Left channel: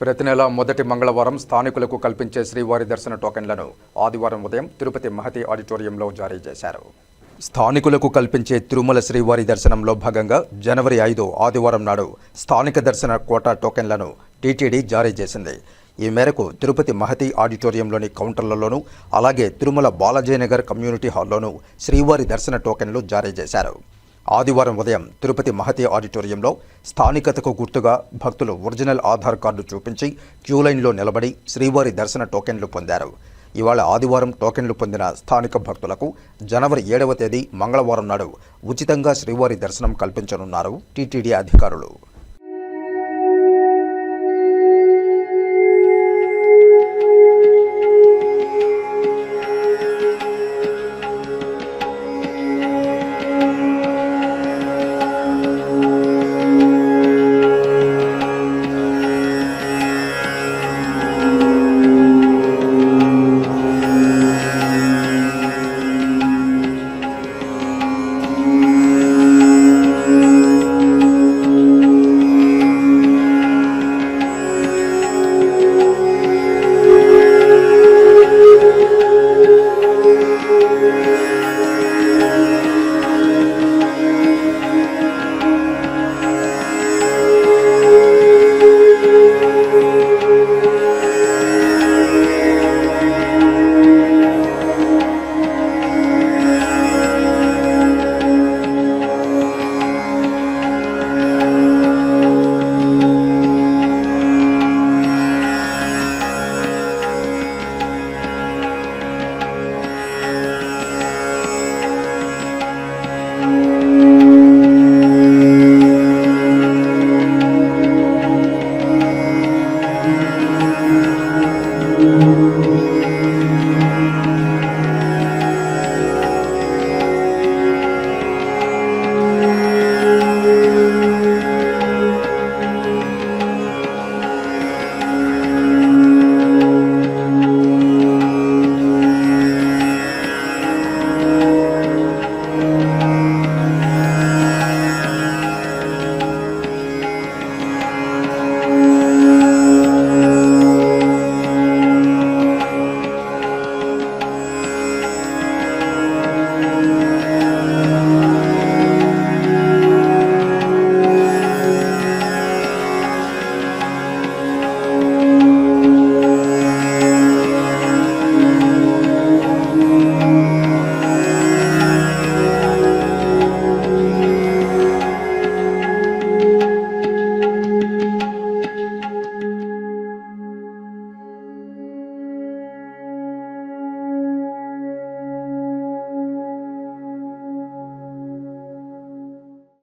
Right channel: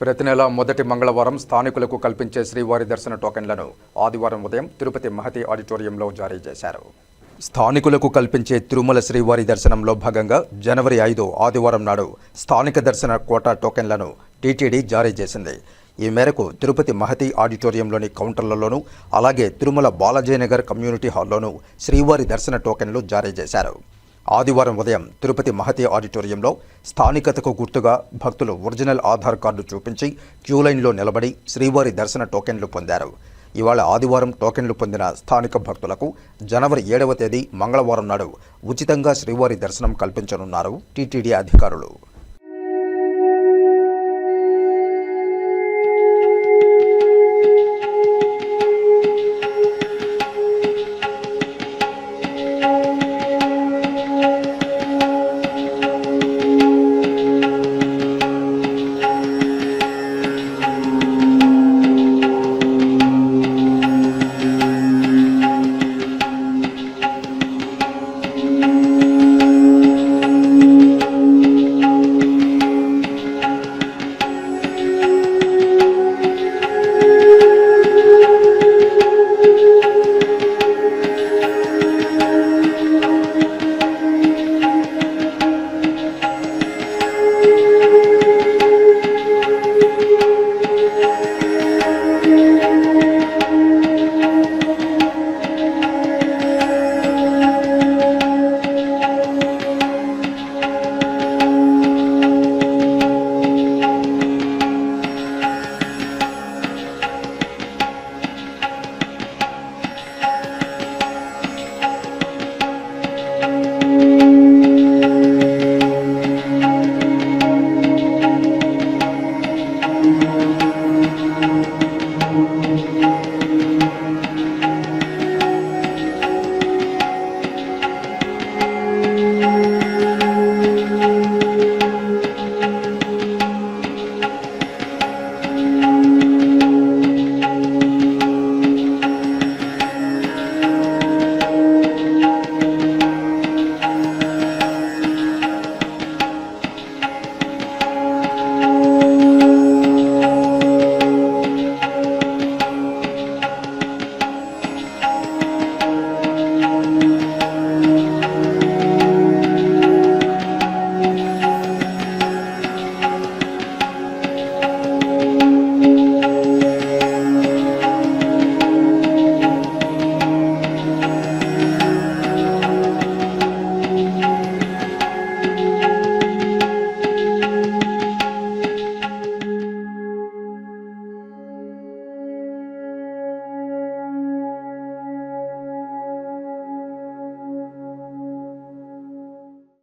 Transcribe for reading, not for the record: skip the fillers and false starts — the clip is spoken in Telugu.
ప్రతి నెల మొదటి మంగళవారం స్థానికులకు కల్పించే శ్రీవారి దర్శన టోకెన్లను ఆదివారం ఉదయం తిరుపతి మహతి ఆడిటోరియంలో జారీ చేశారు. స్థానికులకు కల్పించే తిరుమల శ్రీవారి దర్శనంలో భాగంగా జనవరి 5 ఆదివారం నాడు స్థానిక దర్శన కోటా టోకెన్లను టీటీడీ జారీ చేసింది. ఈ మేరకు తిరుపతి మహతి ఆడిటోరియంలోని కౌంటర్లలోనూ అలాగే తిరుమల బాలాజీనగర్ కమ్యూనిటీ హాల్లోనూ శ్రీవారి దర్శన టోకెన్లు జారీ చేశారు. ఆదివారం ఉదయం తిరుపతి మహతి ఆడిటోరియంలో స్థానికతకు గుర్తుగా భక్తులు ఒరిజినల్ ఆధార్ కార్డు చూపించి క్యూలైన్లో నిలబడి శ్రీవారి దర్శన టోకెన్లు పొందారు. ఇవాళ ఆదివారం టోకెన్లు పొందిన స్థానిక భక్తులకు జనవరి 7వ తేదీ మంగళవారం నాడు ఉచితంగా శ్రీవారి దర్శనం కల్పించనున్నారు టీటీడీ అధికారులు.